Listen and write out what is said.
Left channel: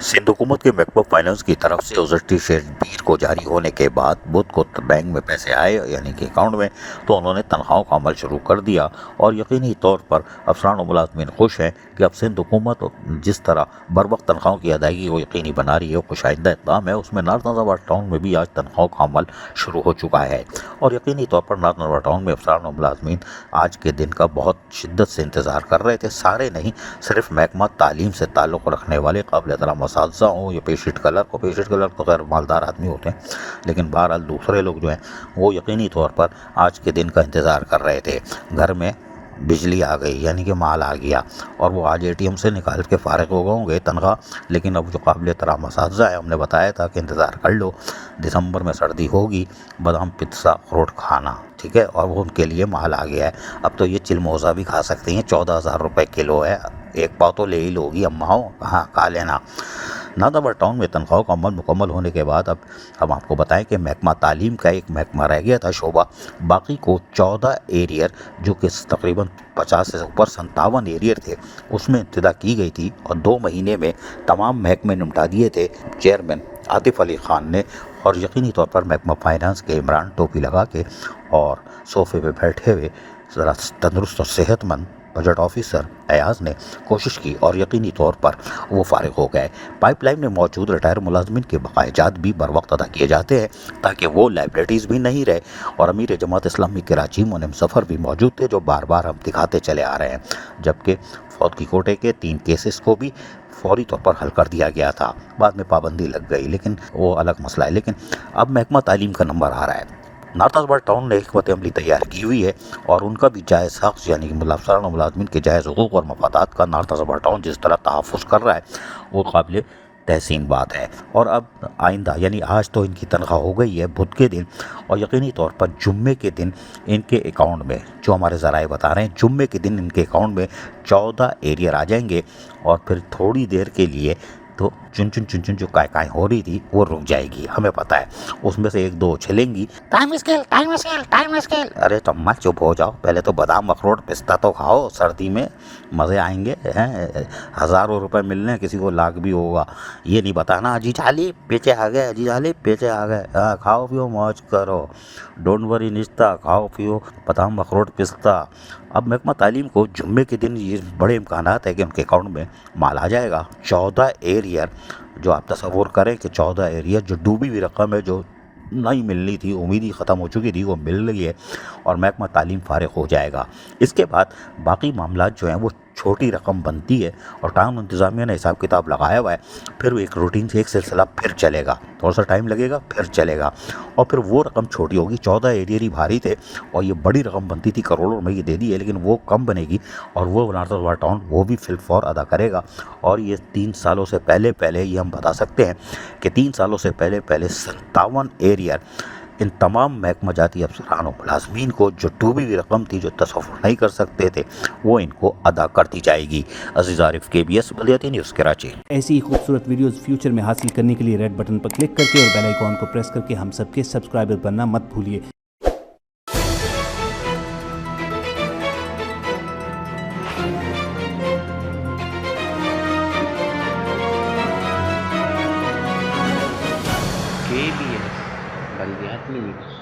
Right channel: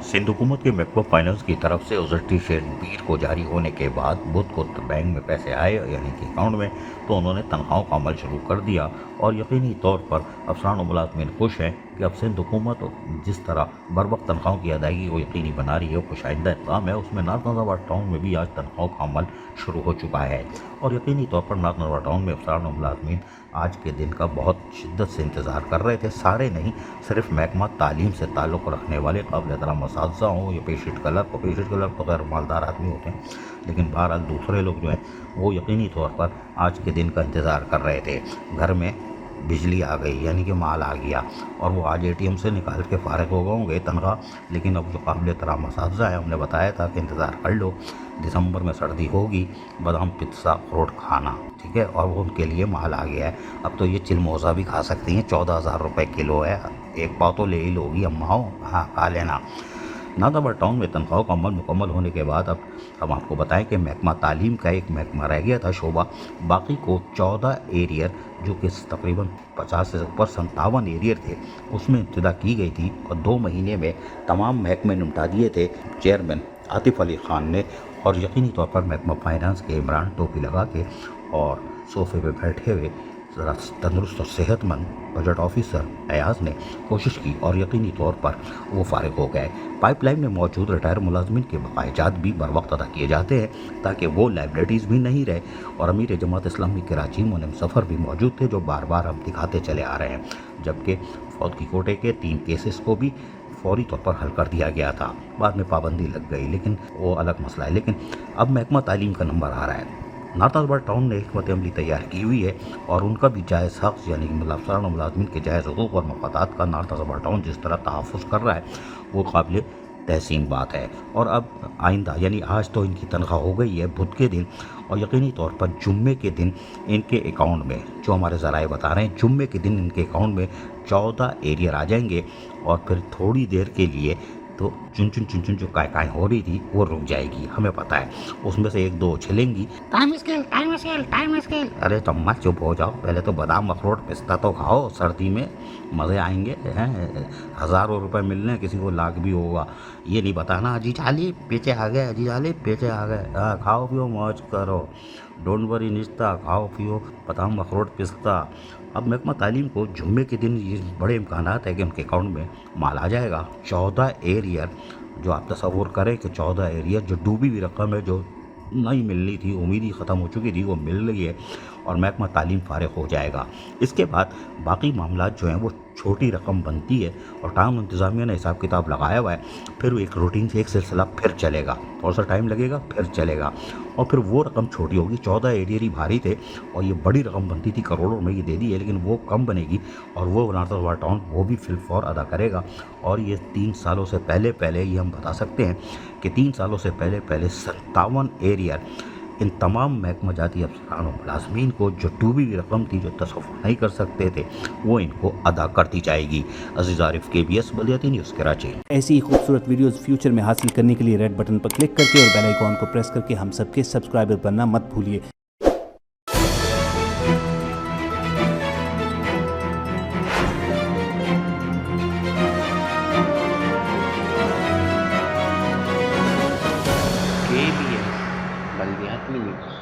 सिंध हुकूमत के महकमा फाइनेंस की तरफ से गुज़श्ती शब्बीर को जारी होने के बाद बुध को बैंक में पैसे आए यानी कि अकाउंट में, तो उन्होंने तनख्वाहों का अमल शुरू कर दिया। और यकीनी तौर पर अफसरान और मुलाजमीन खुश हैं कि अब सिंध हुकूमत जिस तरह बर वक्त तनख्वाहों की अदायगी को यकीनी बना रही है, कुछ आइंदा इक़दाम है, उसमें नॉर्थ नज़ाबाद टाउन में भी आज तनख्वाहों का अमल शुरू हो चुका है। और यकीनी तौर पर नॉर्थ नज़ाबाद टाउन में अफसरान और मुलाजमीन आज के दिन का बहुत शिद्दत से इंतज़ार कर रहे थे। सारे नहीं, सिर्फ महकमा तालीम से ताल्लुक़ रखने वाले काबिल एहतराम असातिज़ा हों या पेशिट क्लर्क तो गैर मालदार आदमी होते हैं, लेकिन बहरहाल दूसरे लोग जो हैं वो यकीनी तौर पर आज के दिन का इंतज़ार कर रहे थे। घर में बिजली आ गई यानी कि माल आ गया और वो आज एटीएम से निकाल के फ़ारिग हो गए होंगे तनख्वाह। लेकिन अब जो काबिल एहतराम असातिज़ा है, हमने बताया था कि इंतज़ार कर लो, दिसंबर में सर्दी होगी, बादाम पिस्ता अखरोट खाना, ठीक है। और वो उनके लिए माल आ गया है। अब तो ये चिलमोज़ा भी खा सकती हैं, 14,000 रुपये किलो है। एक पाव तो ले ही लोगी अम्मा हो, हाँ खा लेना। नादाबाद टाउन में तनख्वाहों का अमल मुकम्मल होने के बाद अब हम आपको बताएं कि महकमा तालीम का एक महकमा रह गया था शोबा, बाकी को 14 एरियर जो कि तकरीबन 50 से ऊपर 57 एरियर थे उसमें इब्तिदा की गई थी और 2 महीने में तमाम महकमे निपटा दिए थे चेयरमैन आतिफ अली ख़ान ने। और यकीनी तौर पर महकमा फाइनेंस के इमरान टोपी लगा के और सोफे पे बैठे हुए ज़रा तंदुरुस्त और सेहतमंद बजट ऑफिसर अयाज ने कोशिश की और यकीनी तौर पर वो फ़ारिग हो गए। पाइपलाइन में मौजूद रिटायर मुलाजमिन के बकायाजात भी बर वक्त अदा किए जाते हैं ताकि वो लाइबिलिटीज़ भी नहीं रहे। और अमीर जमात इस्लामी कराची मुनिम सफ़र भी मौजूद थे जो बार बार हम दिखाते चले आ रहे हैं, जबकि फौत की कोटे के 3 केसेस को भी फौरी तौर पर हल कर दिया गया था। बाद में पाबंदी लग गई, लेकिन वो अलग मसला है। लेकिन अब महकमा तालीम का नंबर आ रहा है। नॉर्थ नज़ाबाद टाउन ने हिकमत अमली तैयार की हुई है और उनका भी जायज़ हक़ यानी कि अफसरान और मुलाजमीन के जायज़ हुकूक़ और मफादात का नॉर्थ नज़ाबाद टाउन जिस तरह तहफ़्फ़ुज़ कर रहा है वो काबिल तहसीन बात है। और अब आइंदा यानी आज तो इनकी तनख्वाह हो गई है बुध के दिन, और यकीनी तौर पर जुम्मे के दिन इनके अकाउंट में, जो हमारे ज़राए बता रहे हैं, जुम्मे के दिन इनके अकाउंट में 14 एरियर आ जाएंगे और फिर थोड़ी देर के लिए तो चुन चुन जो काय हो रही थी वो रुक जाएगी, हमें पता है। उसमें से 1-2 चलेंगी, टाइम स्केल। अरे तम्मा चुप हो जाओ, पहले तो बादाम अखरोट पिस्ता तो खाओ, सर्दी में मज़े आएंगे हैं। हज़ारों रुपए मिलने, किसी को लाख भी होगा। ये नहीं बताना अजी चाली पीछे आ गए, हाँ खाओ पियो मौज करो, डोंट वरी निश्ता, खाओ पियो बादाम अखरोट पिस्ता। अब महकमा तालीम को जुम्मे के दिन ये बड़े इम्कानात है कि उनके अकाउंट में माल आ जाएगा। 14 एरियर, जो आप तसव्वुर करें कि 14 एरियर जो डूबी हुई रकम है, जो नहीं मिलनी थी, उम्मीद ही ख़त्म हो चुकी थी, वो मिल रही है और महकमा तालीम फ़ारिग हो जाएगा। इसके बाद बाकी मामलात जो हैं वो छोटी रकम बनती है और टाउन इंतज़ामिया ने हिसाब किताब लगाया हुआ है। फिर एक रूटीन से एक सिलसिला फिर चलेगा, थोड़ा सा टाइम लगेगा, फिर चलेगा और फिर वो रकम छोटी होगी। 14 एरियर ही भारी थे और ये बड़ी रकम बनती थी, करोड़ों में ये दे दी है, लेकिन वो कम बनेगी और वो नॉर्थ नज़ाबाद टाउन वो भी फिलफौर अदा करेगा। और ये 3 सालों से पहले ये हम बता सकते हैं कि 3 सालों से पहले 57 एरियर इन तमाम महकमा जाती अफसरान और मुलाजमीन को जो डूबी हुई रकम थी, जो तसव्वुर नहीं कर सकते थे, वो इनको अदा कर दी जाएगी। अज़ीज़ आरिफ, KBS बल्दियाती न्यूज़ कराची। ऐसी ही खूबसूरत वीडियोस फ्यूचर में हासिल करने के लिए रेड बटन पर क्लिक करके और बेल आइकॉन को प्रेस करके हम सबके सब्सक्राइबर बनना मत भूलिए। KBS बल्दियाती न्यूज़।